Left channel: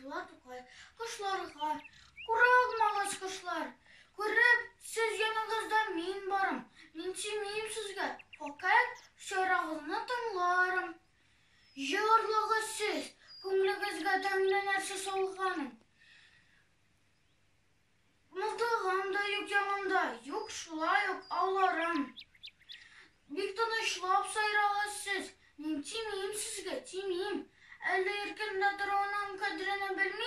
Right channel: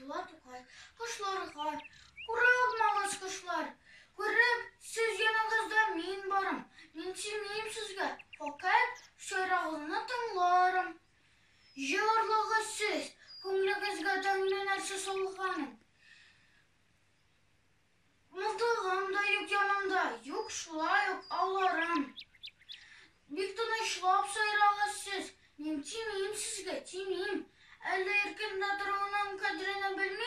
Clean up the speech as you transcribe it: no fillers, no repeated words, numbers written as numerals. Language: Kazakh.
Aytılar Tokay, kuşlarga, kuragmağız kuşlar. Көріп, сіз yanınızda мен барым. Мен сүймейм сізге, fakat şarağını тыңларым. Жарлығы сіз, көңлігізге тәңлі нәрсе солғаным. Мылтығымда юк yanımda, юк шулай юк ауларым. Бик тынычлап сайрағыз сіз, мен тимейм сізге, тимейм. Әлі еркінде тұруының қадіріні білмейм.